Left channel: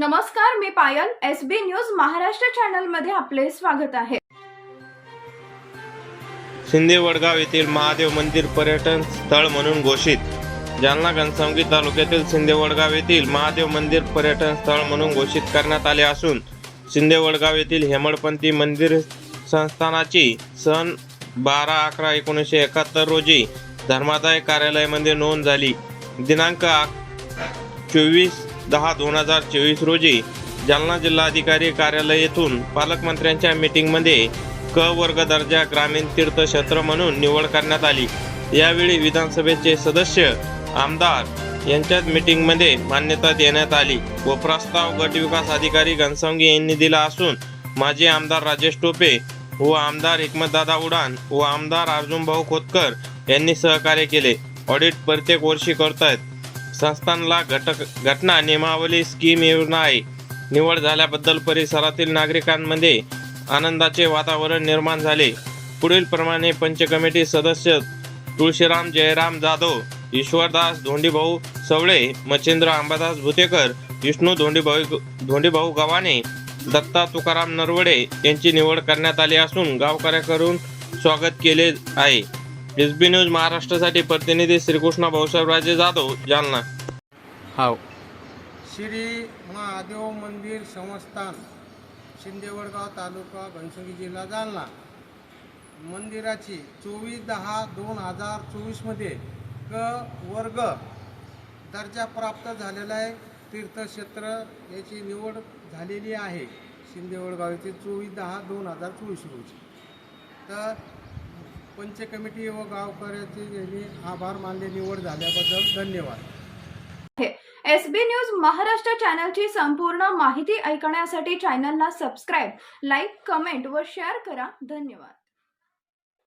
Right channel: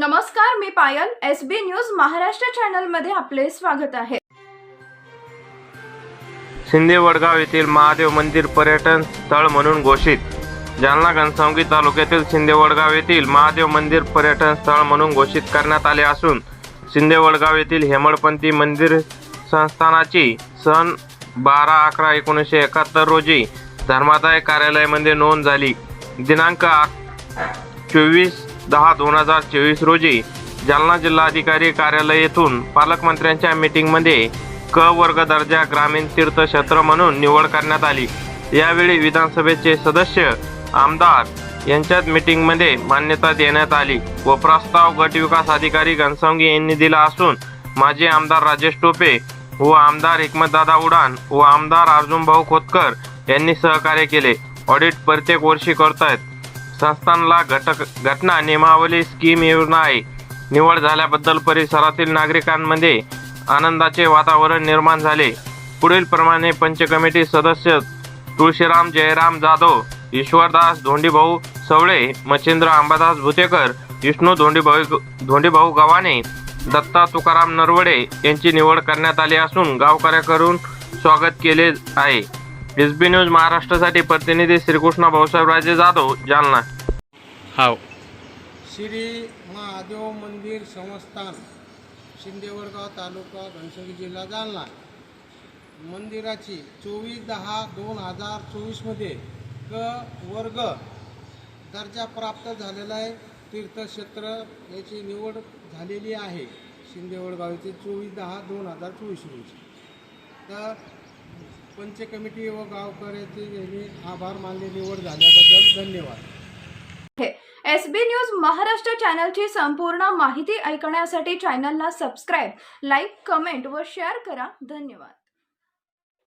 नमस्कार मी Payal S B news Maharashtra चॅनलमध्ये आपले स्वागत आहे. शिंदे वडगाव येथील महादेव मंदिर पर्यटन स्थळ म्हणून घोषित. जालना घनसावंगी तालुक्यातील शिंदे वडगाव येथील महादेव मंदिर पर्यटन स्थळ म्हणून घोषित करण्यात आले असून शिंदे वडगाव येथील हेमडपंथी मंदिर संस्थानाची सन बारा अकरा एकोणीसशे एकाहत्तर रोजी धर्मादाय कार्यालयामध्ये नोंद झाली. दिनांक चोवीस दहा दोन हजार चोवीस रोजी जालना जिल्हाधिकारी कार्यालय येथून पालकमंत्र्यांच्या मीटिंगमध्ये क वर्ग दर्जा ग्रामीण तीर्थक्षेत्र म्हणून निवड करण्यात आली. यावेळी विधानसभेचे सदस्य आमदार यांच्यात मीटिंगमध्ये मान्यता देण्यात आली व प्रस्ताव गट विकास अधिकारी घनसावंगी यांनी दिला असून माजी आमदार राजेश टोपे व आमदार हिकमतदादा उडान व आमदार अर्जुनभाऊ खोतकर यांनी सहकार्य केले. ऑडिट प्रत्येक वर्षी करतायत. संस्थानला घटक घटना नियमावली स्कीम योजना आहे. निवड झाल्याबद्दल परिसरातील नागरिकांमध्ये आनंदाचे वातावरण निर्माण झाले. पुढील प्रमाणे पंच कमिटी सदस्य तुळशीराम जयराम जाधव ईश्वरदास धोंडीभाऊ सवळे मच्छिंद्र अंबादास भुतेकर विष्णू धोंडीभाऊ धोंडीभाऊ गव्हाणे दत्ता तुकाराम नरवडे यांची निवड करण्यात आली असून गावकऱ्याकडून स्वागत केले आहे. एस बी न्यूज महाराष्ट्रासाठी प्रतिनिधी श्रीकृष्ण भाऊसाहेबराजे जाधव जालना. हाव. श्री महादेव मंदिर संस्थान शिंदेवडगाव तालुका घनसंगी जिल्हा जालना. मंदिराची चोवीस दहा दोन हजार चोवीसमध्ये क वर्ग दर्जा प्राप्त झालेला आहे. तीर्थक्षेत्र याची निवड झालेली आहे. शिंदेवडगाव येथे चोवीस दहा दोन हजार चोवीस रोजी. तर पंच कमिटी व गावकऱ्याचे यांनी आभार मानले निवड झाल्याबद्दल धन्यवाद. एस बी न्यूज महाराष्ट्र चॅनलची संपूर्ण माहिती ऐकण्यासाठी चॅनलला सबस्क्राईब लाईक कमेंट व शेअर करा. धन्यवाद.